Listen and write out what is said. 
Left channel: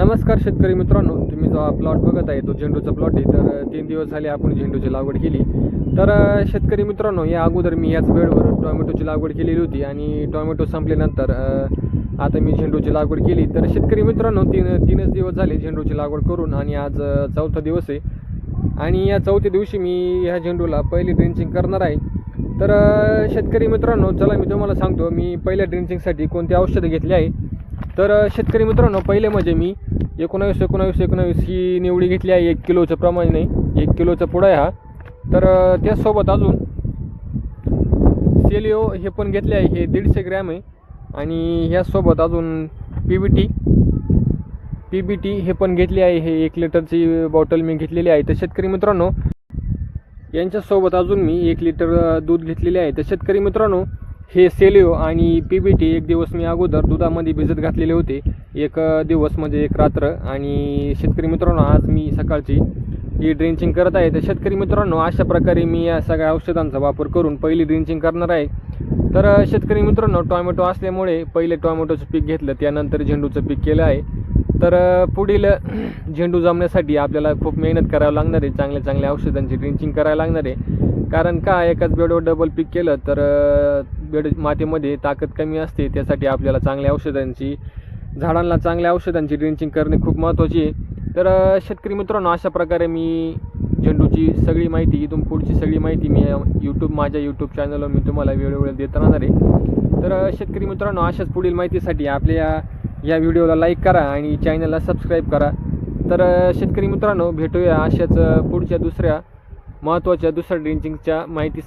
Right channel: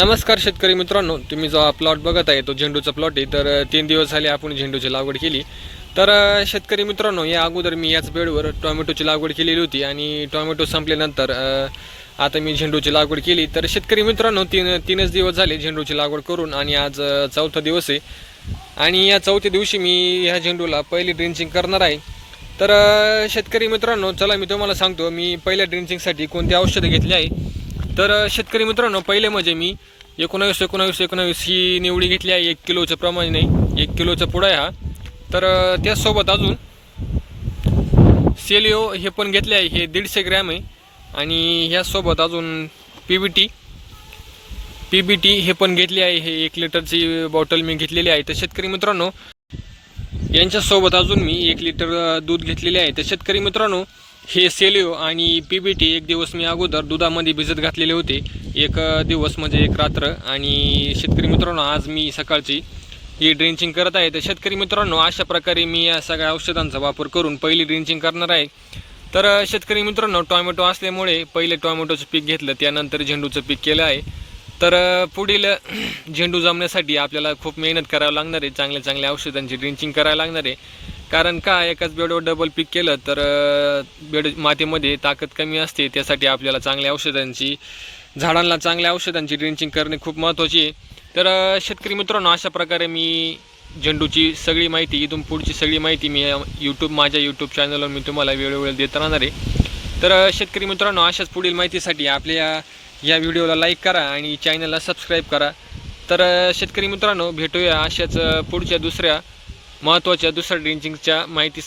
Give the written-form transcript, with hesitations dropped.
नमस्कार शेतकरी मित्रांनो, तुम्ही जो हा प्लॉट बघत आहे तो झेंडूचा प्लॉट आहे. तर 3 दिवस झाले आपण झेंडूची लागवड केली. तर शेतकरी मित्रांनो, या अगोदर मी याच बेडवर टोमॅटोची लागवड केलेली होती आणि टोमॅटो संपल्यानंतर आता मी झेंडूची लागवड केली. तर शेतकरी मित्रांनो, तीनच दिवस झाले झेंडूची लागवड करून आणि आज चौथा दिवस आहे. आणि या चौथ्या दिवशी मी ह्या झेंडूला पहिली ड्रिंचिंग करणार आहे. तर शेतकरी मित्रांनो, चला मी तुम्हाला सांगतो मी पहिल्या ड्रिंचिंगसाठी कोणती औषधं घेतली आहे. तर शेतकरी मित्रांनो, पहिले म्हणजे मी 19 ही निवडी घेतली आहे. 1 किलोचं प्रमाणे, 1 किलोचा पुडा आहे हा. तर त्याचसोबत अजून सेलिओ हे पण घेतले आहे, हे 150 ग्रॅम आहे. आणि ह्यासोबत अजून पीबीटी हे पण घेतले आहे, हे 1 लिटरची बॉटल मी घेतलेली आहे. तर शेतकरी मित्रांनो, यांच्यासोबत अजून मी 1 लिटर दूध घेतलेले आहे. तर शेतकरी मित्रांनो, हे सेलिओ आणि पीबीटी 1 दिवस मी अगोदर दुधामध्ये भिजत घातलेले होते, 1 दिवस म्हणजे 1 रात्र. आणि शेतकरी मित्रांनो, आज मी सकाळची ही ड्रिंचिंग करत आहे. तर शेतकरी मित्रांनो, अशा प्रकारे मी या सगळ्या औषधांचा वापर करून पहिली ड्रिंचिंग करणार आहे. तर शेतकरी मित्रांनो, टोमॅटो असल्यामुळे पहिले टोमॅटोचं पीक घेतलं, त्यानंतर झेंडूचं पीक केलं आहे. तर पुढील झेंडू जमण्यासाठी आपल्याला खूप मेहनत करावं लागणार आहे, चांगल्या औषधांची ड्रिंचिंग करायला लागणार आहे. कारण का, एकाच बेडवर डबल पीक केलं तर बेड मातीमध्ये ताकद कमी असते. त्यासाठी आपल्याला झाडांना चांगल्या औषधांची ड्रिंचिंग करणे खूप महत्त्वाची आहे. तर शेतकरी मित्रांनो, अशा प्रकारे मी झेंडूची सगळी माहिती, इथून पुढची सगळी माहिती मी माझ्या यूट्यूब चॅनलवर मी तुम्हाला वेळोवेळी देत राहणार आहे. तर शेतकरी मित्रांनो, अशाच पुढील माहितीसाठी आपल्या या व्हिडिओला लाईक करा आणि चॅनलला सबस्क्राईब करा. तर शेतकरी मित्रांनो, भेटूया अशाच पुढच्या दुसऱ्या महत्त्वाच्या ड्रिंचिंगच्या माहिती